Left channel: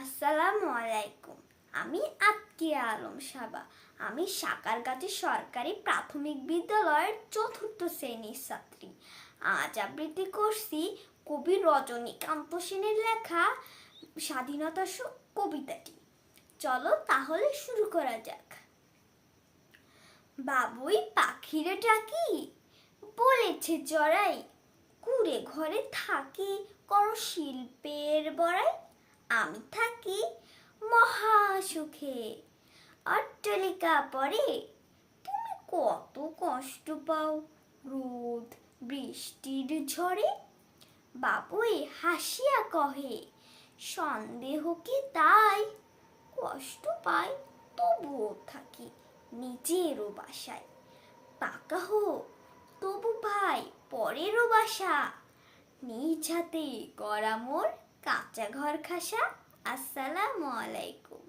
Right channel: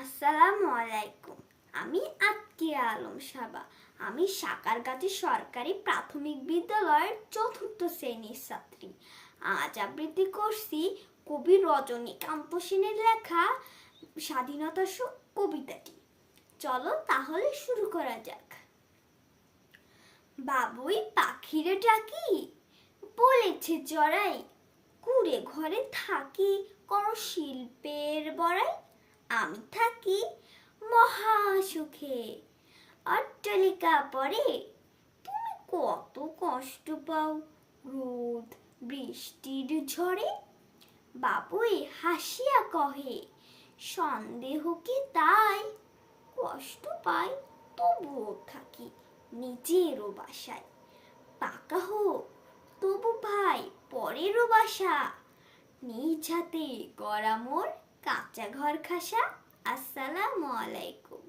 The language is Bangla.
আসসালামু আলাইকুম। আমি আতকিয়া আলম সাবা। আমি সাকারগাছি সরকারি প্রাথমিক বিদ্যালয়ের ৪র্থ শ্রেণীর ছাত্রী। আজ আবৃত্তি করছি কবি রজনীকান্ত সেনের লেখা স্বাধীনতা কবিতাটি। চলো তাহলে শুরু করা যাক। বাবুই পাখিরে ডাকি, বলেছে চড়াই, কুড়ে ঘরে থাকি, করো শিল্পের বড়াই। আমি থাকি মহা সুখে, অট্টালিকা পরে, তুমি কত কষ্ট পাও রোদ বৃষ্টির ঝড়ে। বাবুই হাসিয়া কহে, সন্দেহ কি তাই, কষ্ট পাই তবুও থাকি নিজেরও বাসায়। পাকা হোক তবু ভাই পরেরও বাসা, নিজ হাতে করা মোর কাঁচা ঘর খাসা। আসসালামু আলাইকুম।